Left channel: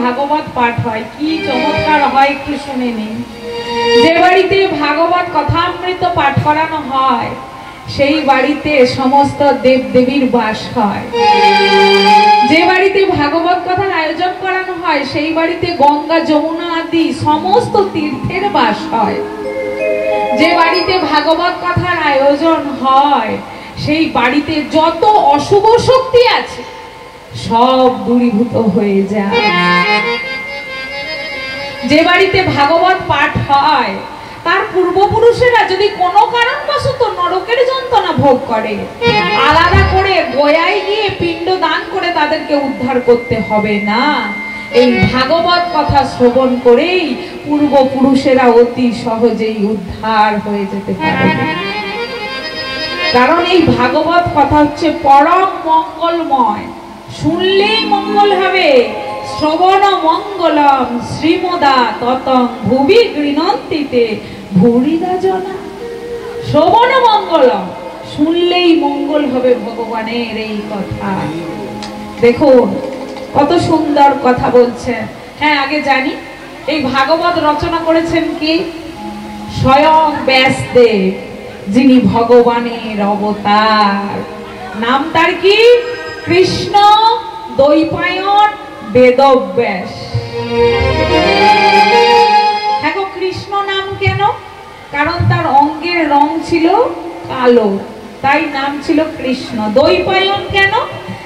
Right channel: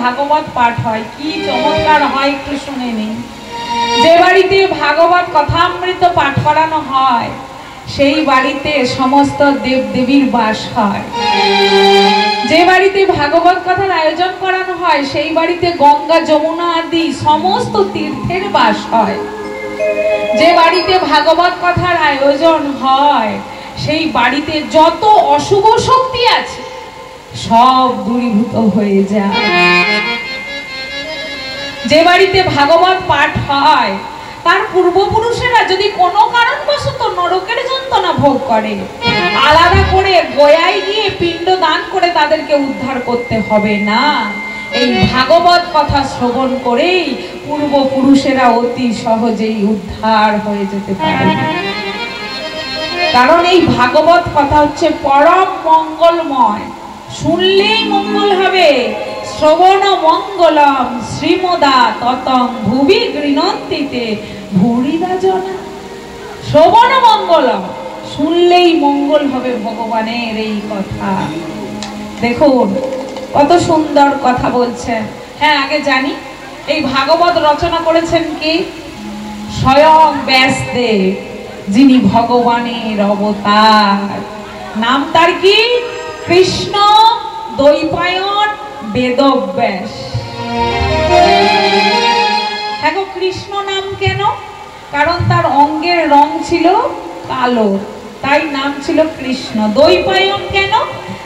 ভাগবত পাঠ হয় কি চমৎকার হয় একটু শুনে নিন। যে বাড়িতে ভাগবত কথামৃত পাঠ করানো হয় সেই বাড়িতে সমস্ত দেবদেবীর বাস হয়। যে বাড়িতে ভাগবত কথার আয়োজন করানো হয় সেই বাড়িতে গঙ্গা যমুনা আদি সমস্ত তীর্থের বাস হয়। যে বাড়িতে ভাগবত কথার আয়োজন হয় সেই বাড়িতে যত অশুভ শক্তি আছে সব দূরীভূত হয়ে যায়। যে বাড়িতে ভাগবত পাঠ হয় তার পূর্বপুরুষেরা যদি কোনো কারণবশত নরকের যন্ত্রণা ভোগ করে আলাদা করে গয়ায় গিয়ে পিণ্ড দান করে তাদেরকে উদ্ধার করতে হবে না। এই ভাগবত কথা শ্রবণ করেই পূর্বপুরুষেরা অতি সহজেই উদ্ধার হয়ে যেতে পারে। কারণ এই ভাগবত কথা হচ্ছে পরম মঙ্গলময়, শুনলেই মঙ্গল হবে। শ্রবণ মঙ্গলম শ্রীমদা ততং ভুবি গৃণন্তিতে ভূরিদা জনা। শ্রবণ মঙ্গলম, শুনলেই মঙ্গল হবে ভগবানের এই কথা। দেখুন কত সুন্দর কথা বলছেন। হ্যাঁ, আগে জানি এই ভাগবত রচনা করেছেন কি? স্বয়ং ব্যাসদেব, যিনি ভগবানের অবতার। নাম তার কি? কৃষ্ণ দ্বৈপায়ন বেদব্যাস। দেখো কৃষ্ণ নাম কেন? কারণ তার অঙ্গের রং ছিল কালো, তাই নাম ছিল কৃষ্ণ। দ্বৈপায়ন কেন?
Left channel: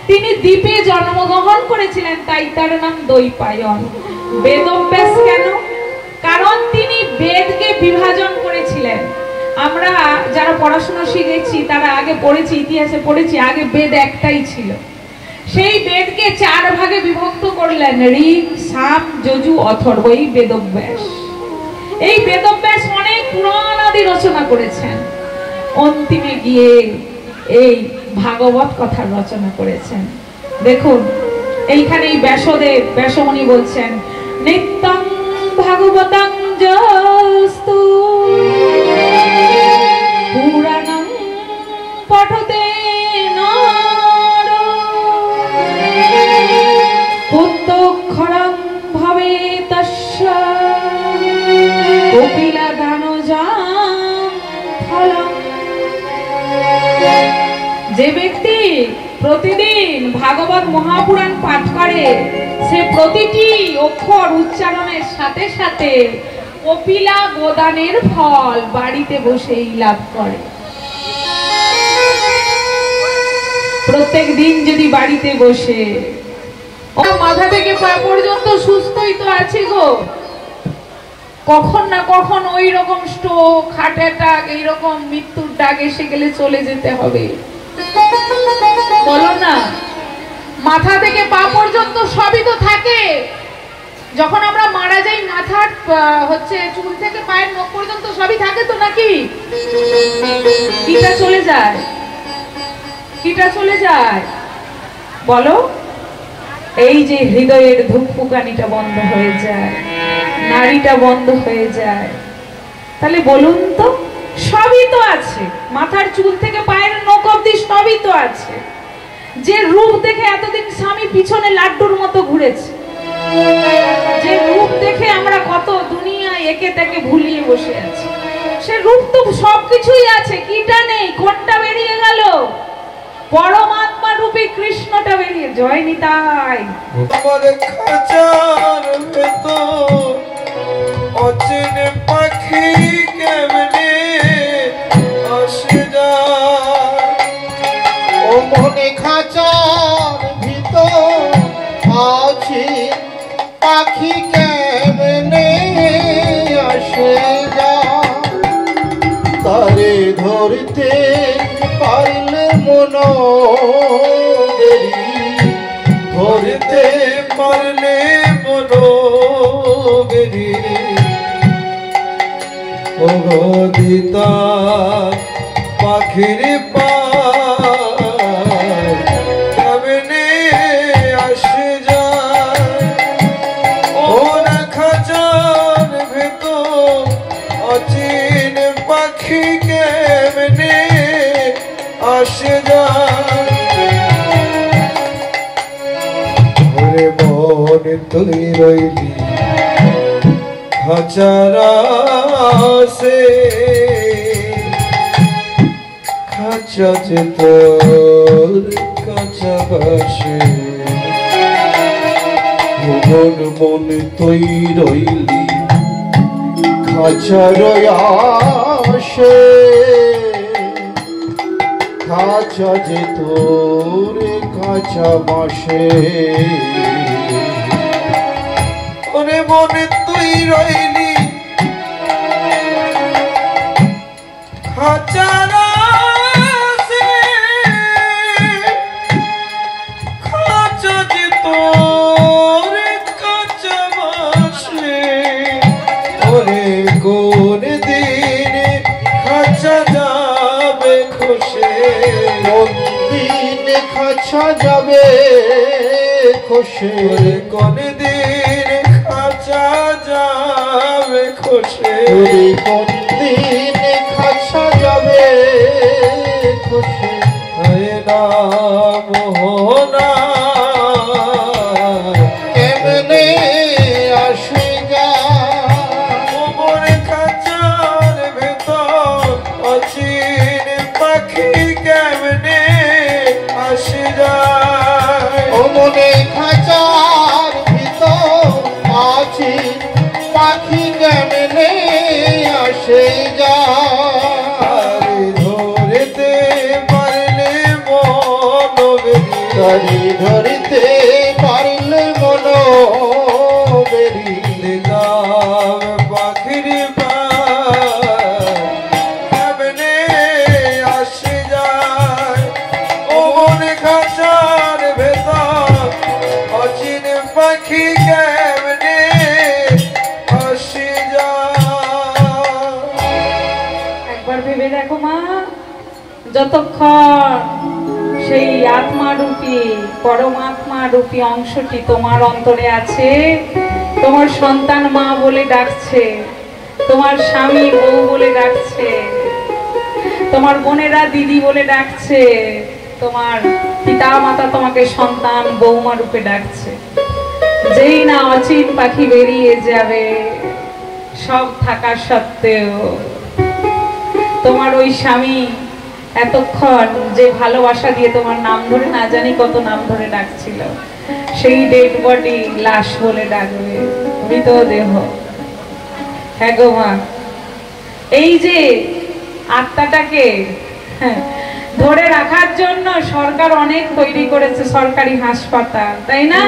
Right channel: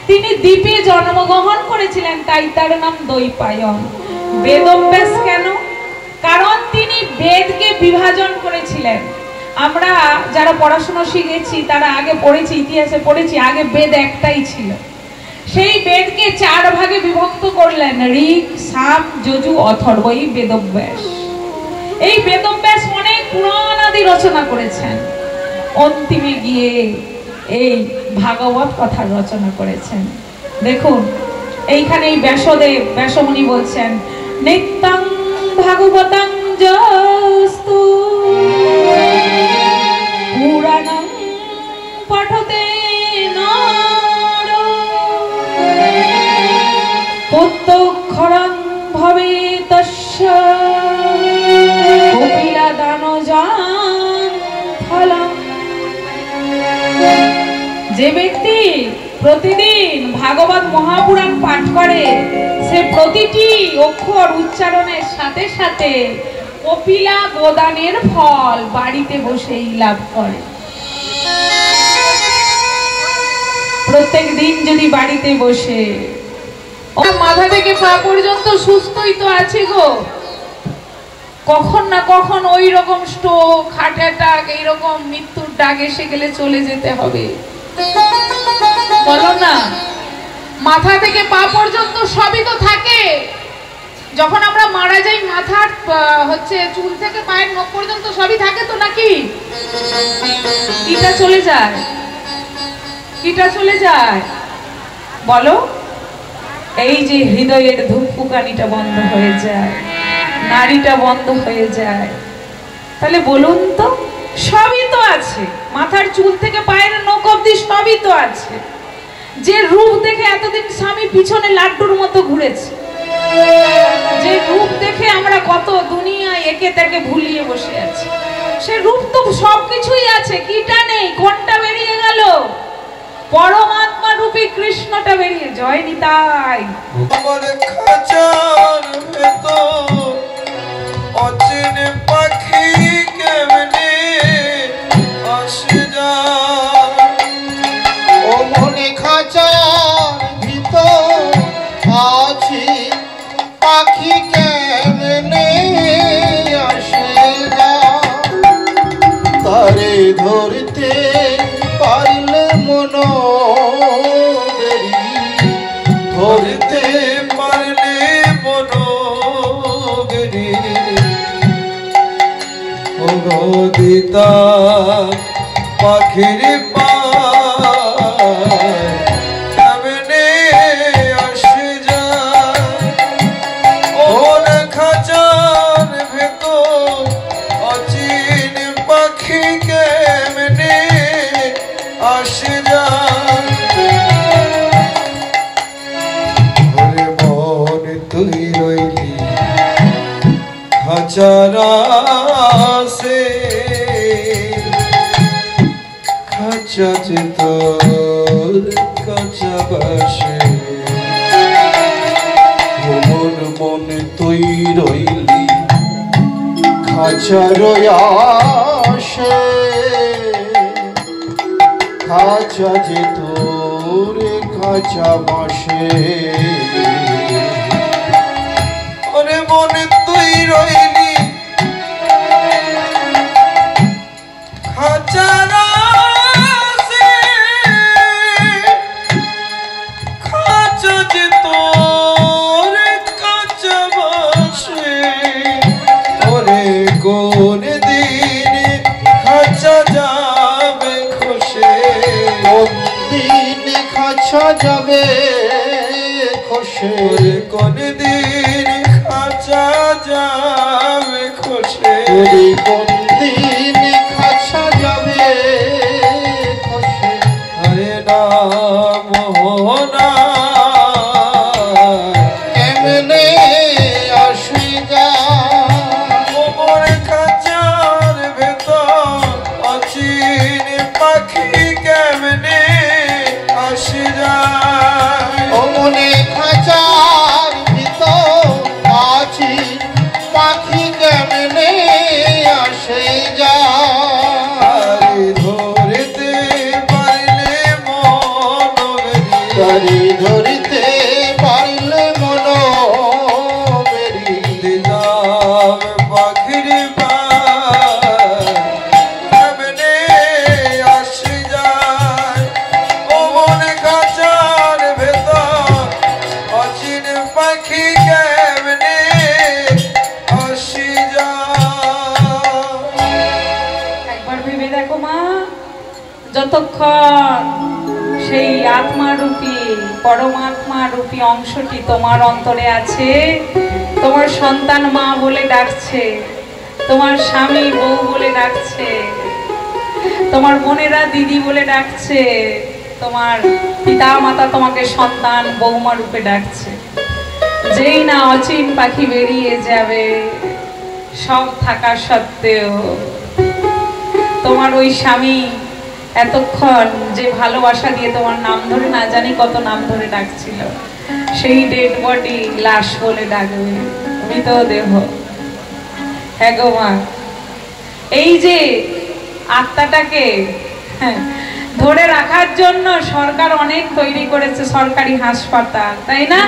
তিনি দ্বীপে জন্মগ্রহণ করেছিলেন, তাই তার নাম দ্বৈপায়ন। বেদব্যাস কেন? কারণ তিনি বেদকে বিভাজন করেছিলেন। আমরা যারা পড়াশোনা শিখেছি তারা আগে পড়েছি, ইতিহাসে পড়েছি, আগে বেদ একটাই ছিল। সেই বেদকে 4 ভাগে বিভক্ত করলেন, ঋগ, সাম, যজু, অথর্ব। এই বেদব্যাস। এই বেদব্যাস অনেক পুরাণ আদি রচনা করেছেন, অন্তিমে গিয়ে এই ভাগবত কথা রচনা করেছেন। দেখুন এইখানে ব্যাসদেব ব্যাসমুনি বলছেন, নিত্যং ভাগবতং যস্তু পুরাণং পঠতে নর পুত্তক্ষরং ভবেতস্য কপিলাদানজান ফলং। যে ব্যক্তি প্রতিদিন ভাগবত মহাপুরাণ পাঠ করে সে প্রতিটি অক্ষর উচ্চারণের সাথে সাথে কপিলা গোদানের ফল বাড়িতে বসেই লাভ করে। প্রত্যেক দিন যদি বাড়িতে বসে, মাথা থেকে পা পর্যন্ত সুস্থই তো আছে গো, কখন না কখন ওই রকম স্ট্রোক, হার্ট অ্যাটাক, এইরকম মৃত্যুর ডাক এসে গেলে চলে যেতে হবে, বলো না? মাথা থেকে পা পর্যন্ত সবই তো থাকে। যখন আমরা মারা যাই মাথার চুল থেকে পায়ের নখ পর্যন্ত সবই থাকে তো, নাকি? কিটা চলে যায়? কিটা চলে যায় বলো? এই যে হৃদয়ের ধুকপুকানিটা বন্ধ হয়ে যায়, নাড়িটা বন্ধ হয়ে যায়, তাহলে বলুন তো সবই তো আছে। মাথার চুল থেকে পায়ের নখ অবধি সবই তো আছে। যে রূপ দেখে এতদিন স্বামী পিছনে লাড্ডুর মতো ঘুরেছে, যে রূপ দেখে আমরা কত দুনিয়ায় একে তাকে ভুলিয়ে বসে আছি, সে রূপ তো সবকিছুই আছে। কিটা নেই? কোনটা বেরিয়ে গেল? পরমাত্মা রূপী কৃষ্ণটা বেরিয়ে। জয় নিতাই। পাখির কেমনে আসে যায়, কোন খাঁচার ভেতর অচিন পাখি কেমনে আসে যায়। মন তুই তুই রইলি খাঁচার আশে খাঁচা যে তোর কাঁচা বাসে মন মন তুই রইলি খাঁচার আশে খাঁচা যে তোর কাঁচা বাসে ওরে মনে তুই রইলি খাঁচার আশে খাঁচা যে তোর কাঁচা বাসে ওরে কোন দিন খাঁচা যাবে খসে কোন দিন খাঁচা যাবে খসে কোন দিন খাঁচা যাবে খসে কোন দিন খাঁচা যাবে খসে হরে নাম মোহনা কেমনে আসে যা ওমর খাঁচার ভেতর অচিন পাখি কেমনে আসে যায় ওমনে খাঁচার ভিতর অচিন পাখি কেমনে আসে যায় ধরতে পারলে মন বেরি ধরতে পারলে মন বেরি দিলাম পাখির পা কেমনে আসে যায় ওমর খাঁচার ভেতর অচিন পাখি কেমনে আসে যায় একবার ভেবে দেখো মা, যতক্ষণ সেই আত্মারূপী পরমাত্মা রূপী অংশটি তোমার অন্তরে আছে, তোমার সন্তান মা বলে ডাকছে, তোমার স্বামী বউ বলে ডাকছে, তোমার বোনেরা দিদি বলে ডাকছে, তোমার পিতা মাতা তোমাকে সন্তান বৌমা রূপে ডাকছে। যেই না অচিন পাখি বেরিয়ে যাবে, সব থাকা সত্ত্বেও তোমার ওই স্বামী এতক্ষণ যে ভালোবাসা দিয়ে তোমার নাম ধরে না জানি কত নাম ধরে ডাকছিল, সেই ডেড বডি লাশ বলে ডাকবে, মৃতদেহ। হ্যাঁ গো মা, এই যে আত্মাটাকে ধরে রাখার জন্য সরকার অনেক তৈরি করেছে সরকারি হাসপাতাল, তাই না?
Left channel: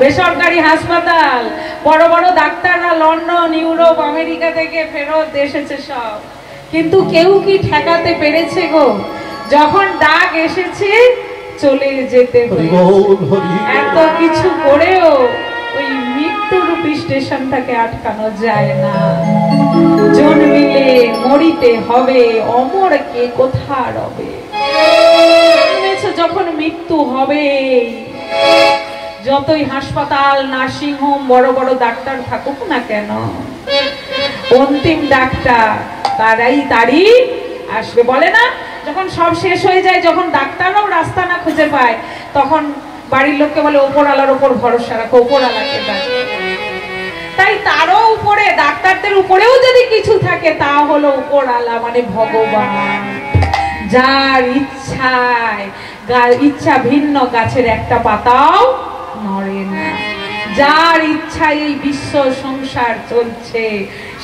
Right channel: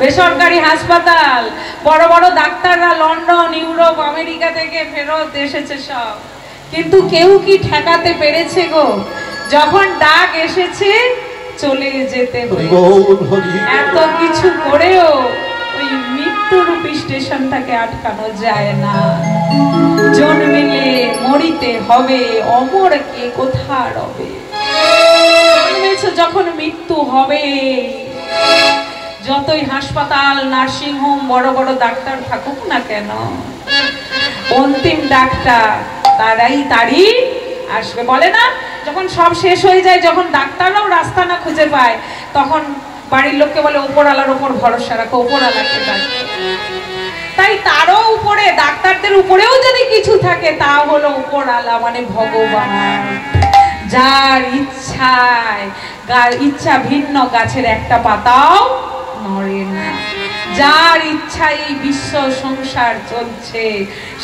বেসরকারি হাসপাতাল, বড় বড় ডাক্তাররা লন্ডন, ইউরোপ, আমেরিকা থেকে ফেরত এসেছে সব, কিন্তু কেউ কি ঠেকাতে পেরেছে গো? যখন ডাক এসেছে চলে যেতে এত কিছু করেও ওই মৃত্যুরূপী স্টেশনটাকে আটকানো যায় না। জন্মিলে মরিতে হবে, অমর কে কোথা রবে। জন্মেছো যখন মৃত্যু হবে। যতই হাসপাতাল, নার্সিং হোম, বড় বড় ডাক্তার থাকুক না কেন, অন্তিম ডাক্তার তারই আসবে। বলে না, যখন সব শেষ হয়ে যায়, যখন ডাক্তাররাও রাস্তা না খুঁজে পায়, তখন বাড়ির লোককে বলে ওপরওয়ালার উপর ভরসা রাখো, ওপরওয়ালাকে ডাকে। তাই তারও উপরে, ডাক্তারদের উপরেও যদি কিছু থাকে, তা হলো উপরওয়ালা, মানে ভগবান। যার ইচ্ছায়, ইচ্ছা ভিন্ন গাছের একটা পাতাও নড়ে না। যার ইচ্ছায় এই বিশ্ব সংসার চলছে,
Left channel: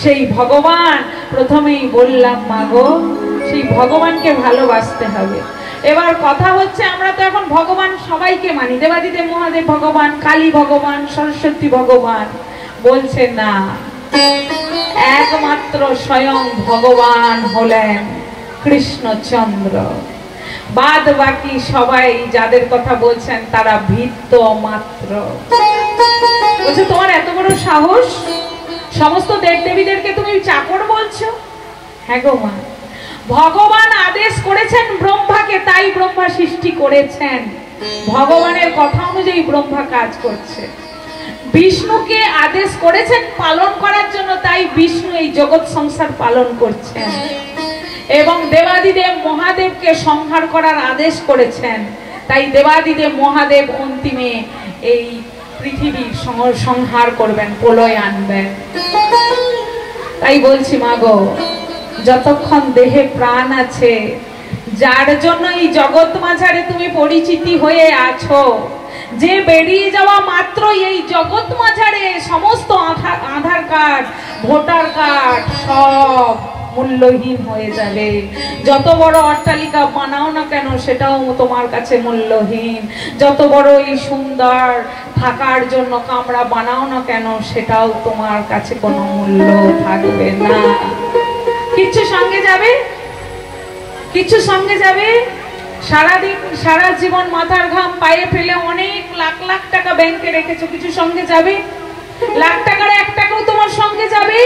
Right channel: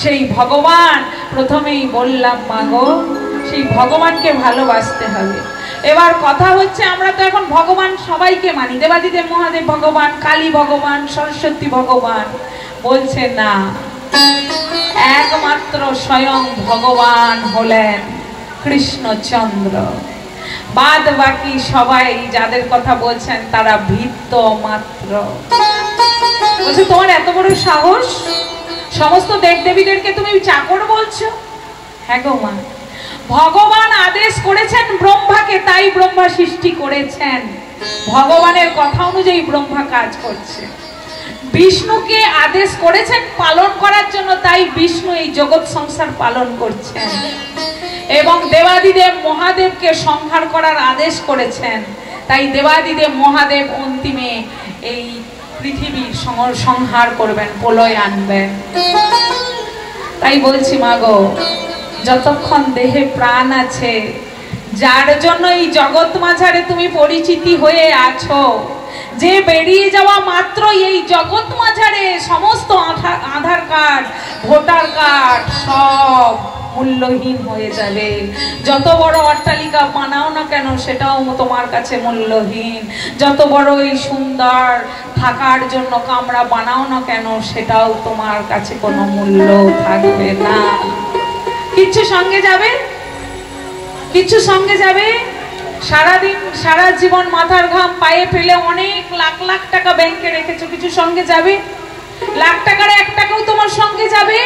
সেই ভগবান। প্রথমেই বললাম মাগো, সেই ভগবানকে ভালোবাসতে হবে। এবার কথা হচ্ছে, আমরা তো এখন ভগবান সবাইকে মানি, দেবাদিদেব মহাদেব ভগবান, কালী ভগবান, সরস্বতী ভগবান। বলছে না, একমাত্র স্বয়ং ভগবান হলেন কৃষ্ণচন্দ্র। বাদ বাকি সবাই যাদের কথা বলছেন তারা ভিত্ত মাত্র। বলছে তোমার এত বড় সাহস, সমস্ত দেবদেবীদেরকে তুমি চাকর বলছো? হ্যাঁ গো মা, ভগবান আদেশ করেছেন ব্রহ্মাকে, তাই ব্রহ্মা সৃষ্টি করেছেন। ভগবানের কথা অনুযায়ী ব্রহ্মা কাজ করছে। বিষ্ণুকে আদেশ করেছেন পালন করার জন্য, তাই বিষ্ণু এই জগৎ সংসার পালন করছেন। এবং দেবাদিদেব মহাদেবকে সংহার করার আদেশ করেছেন, তাই দেবাদিদেব মহাদেব অন্তিমে এই পৃথিবীর সংহার করবেন, প্রলয় আনবেন। তাই বলছি মাগো, যতক্ষণ দেহে প্রাণ আছে, যার জন্য এই জগৎ মাঝারে তুমি পরিচিতি হয়ে আছো, যে বেরিয়ে যাওয়া মাত্রই এই জগৎ মাঝারে সমস্ত আধার কার্ড, ভোটার কার্ড সব মূল্যহীন হয়ে যাবে। যত বড় অট্টালিকা বানাও না কেন সেটাও তোমার কাছে মূল্যহীন। যত বড় এই সুন্দর থাকার জন্য কামরা বানাও না কেন সেটাও তোমার কাছে কোনো মূল্য থাকবে না। কিচ্ছু সঙ্গে যাবে, কিচ্ছু সঙ্গে যাবে। সারাদিন সারা জীবন মাথার ঘাম পায়ে ফেলে অনেক লাখ লাখ টাকা ব্যাংকে রেখেছো, কিছু সঙ্গে যাবে? লাখ টাকার 1 টাকাও তোমার সঙ্গে যাবে?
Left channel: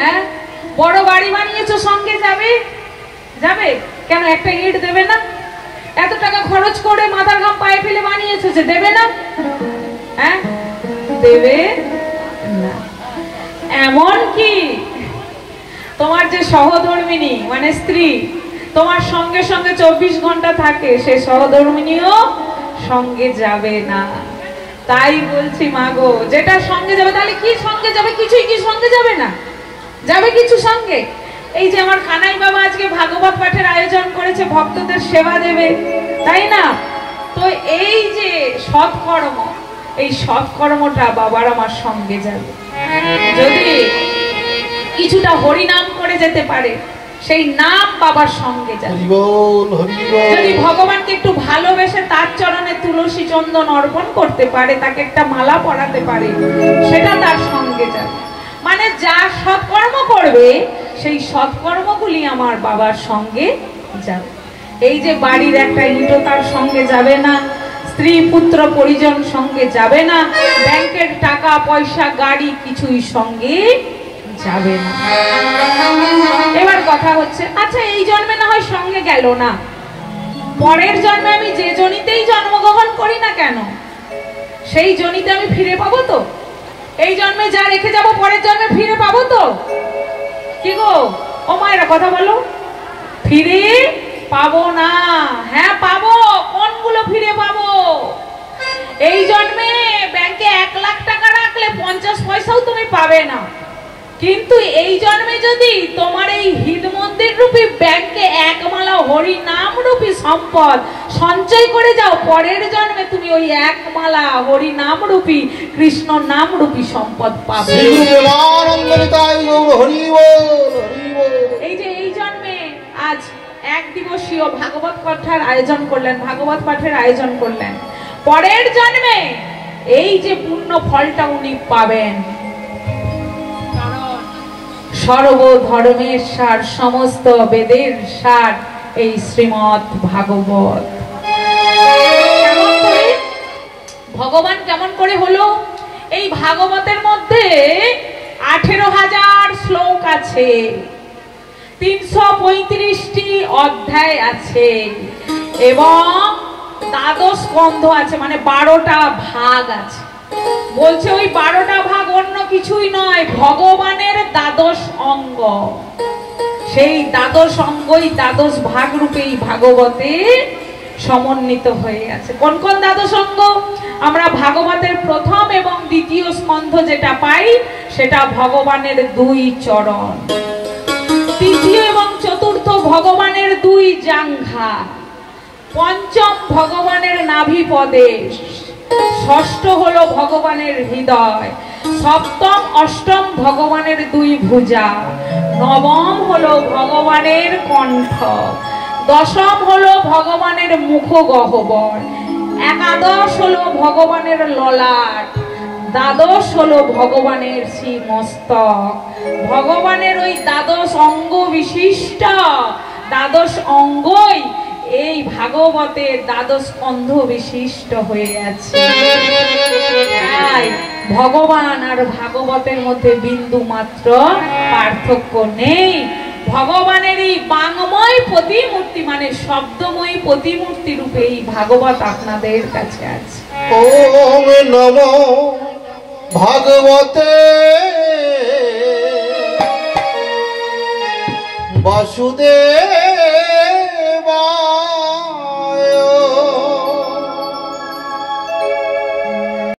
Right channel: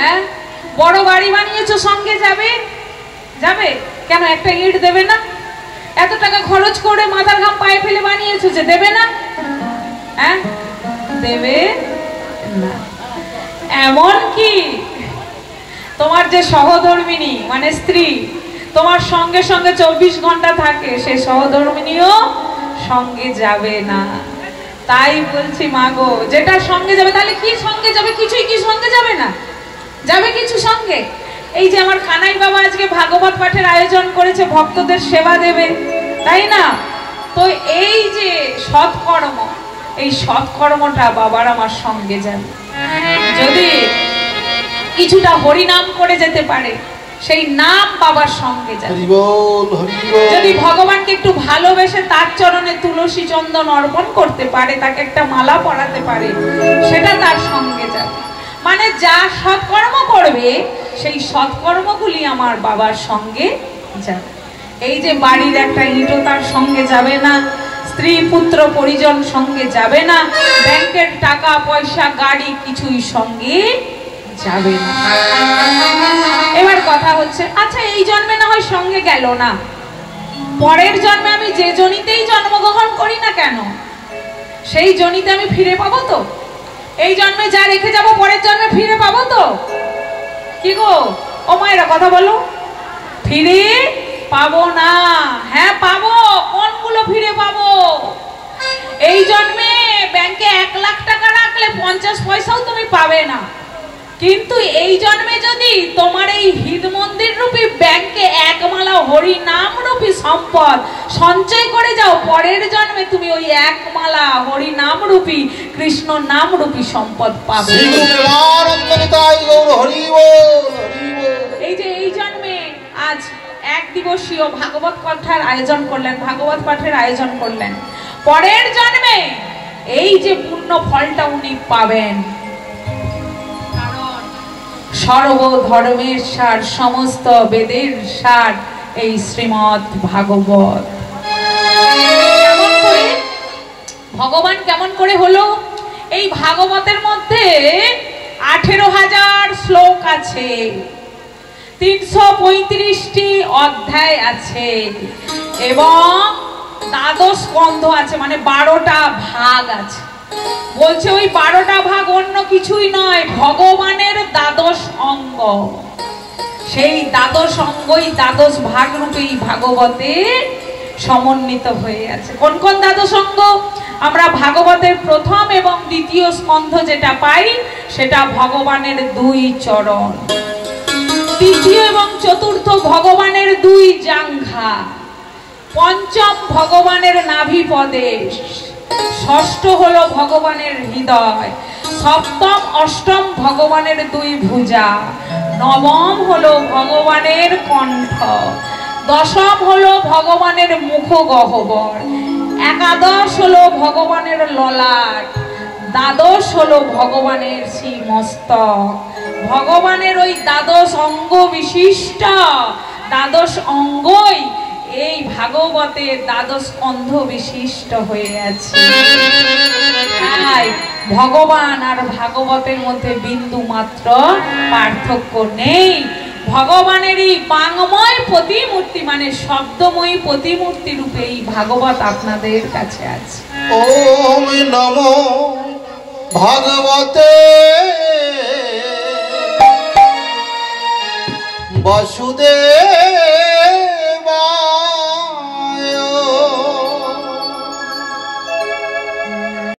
হ্যাঁ, বড় বাড়ি বানিয়েছো, সঙ্গে যাবে? যাবে কেন? একটা ইট দেবে না? এত টাকা খরচ করে মাথার ঘাম পায়ে ফেলে বানিয়েছো, যে দেবে না? হ্যাঁ, দেবে না। এমন কি তোমার যে সহধর্মিনী মানে স্ত্রী তোমার সঙ্গে সঙ্গে 24 ঘন্টা থাকে, সে সহধর্মিনীও সঙ্গে যাবে না। তাই বলছি মাগো, যেটা সঙ্গে যাবে, তাহলে কি সঙ্গে যাবে? কিছুই কি সঙ্গে যাবে না? যাবে কিছু সঙ্গে? এই যে আমার কানাই বাবা আজকে ভাগবত পাঠের আয়োজন করেছে, ভক্তদের সেবা দেবে, তাই না? তো এই যে সৎকর্ম, এই সৎকর্মটা বাবার আমার সঙ্গে যাবে। যদি কিছুটা হরিনাম করে যেতে পারে, সেই নাম বাবার সঙ্গে যাবে। যদি ভগবানকে একটু ভালোবেসে তার চরণে তুলসী চন্দন অর্পণ করতে পারে, তাকে একটা মালা পরাতে পারে, সেটা তার সঙ্গে যাবে। মানে যা সৎকর্ম করবে সেই সৎকর্মগুলি আমার বাবার সঙ্গে যাবে। এই যে বাড়ির একটা ইটও তার সঙ্গে যাবে না, স্ত্রী পুত্র পরিজন সঙ্গে যাবে না, ব্যাংকের টাকা পয়সা গাড়ি কিছুই সঙ্গে যাবে না। এবার কথা হচ্ছে, আচ্ছা এই জন্মে না হয় সঙ্গে গেল না, পরের জন্মে আমি যে জনিতেই জন্মগ্রহণ করি না কেন, সেই জনিতে আমি ফিরে পাবো তো? এই জন্মে যা রেখে যাব পরের জন্মে ফিরে পাবো তো? কি গো ও মায়েরা কথা বলো, ফিরে পাবো না? হ্যাঁ পাবো। কোনগুলো ফিরে পাবো? এই জন্মে ব্যাংকে 1 লাখ টাকা রাখলে 50 পয়সাও তুমি পাবে না, কিন্তু এই জন্মে যদি তোমার এই হিদ মন্দির রূপী ব্যাংকে 1 মালা হরি নাম রূপী সম্পদ সঞ্চয় করে যাও, পরের জন্মে তুমি ওই 1 মালা হরি নাম রূপী কৃষ্ণ নাম রূপী সম্পদ পাবে। এই যে এই জন্মে আজ 1 দিবসীয় ভাগবত কথার আয়োজন করলেন, ভাগবত পাঠের আয়োজন করলেন, পরের জন্মে এই যে পূর্ণ ফলটা উনি পাবেন। সর্বধর্মের সার, সমস্ত বেদের সার এই শ্রীমৎ ভাগবত। কেমন করে ভগবান কেমন করে হলো? এই ভাগবতের মধ্যে 18,000 শ্লোক আছে, 335টি অধ্যায় আছে এবং 12 স্কন্ধ আছে, মানে 12টা ভাগ আছে। বলছে ওই 12টা ভাগ অন্য কিছুই নয়, ভগবানের 12 অঙ্গ। সেই 12 অঙ্গই 12 ভাগ রূপে এই ভাগবতে সমন্বিত হয়ে আছে। কোন কোন 12 অঙ্গ? আমরা ভাগবতের প্রথম এবং দ্বিতীয় স্কন্ধ যেটা পাই সেটা ভগবানের 2 চরণ, তৃতীয় এবং চতুর্থ ভগবানের 2 জাঙ্ঘা, পঞ্চম ভগবানের নাভি প্রদেশ, ষষ্ঠ হলো ভগবানের হৃদয়, সপ্তম অষ্টম ভগবানের 2 ভুজা, নবম হলো ভগবানের কণ্ঠ, দশম হলো ভগবানের মুখ গহ্বর, একাদশ হলো ভগবানের ললাট, দ্বাদশ হলো ভগবানের শ্রীমস্তক। ভগবানের ওই 12 অঙ্গ বিশিষ্ট 12 অঙ্গই এই ভাগবতের 12 স্কন্ধ বিশিষ্ট হয়ে আছে। তাই ভগবান আর ভাগবতের মধ্যে বিন্দু মাত্র পার্থক্য নেই। ভগবানেরই বাংময় প্রতিমূর্তি মানে শব্দময়ী প্রতিমূর্তি রূপে এই ভাগবত আপনাদের কাছে আছে। ওম নমো ভাগবতে বাসুদেব।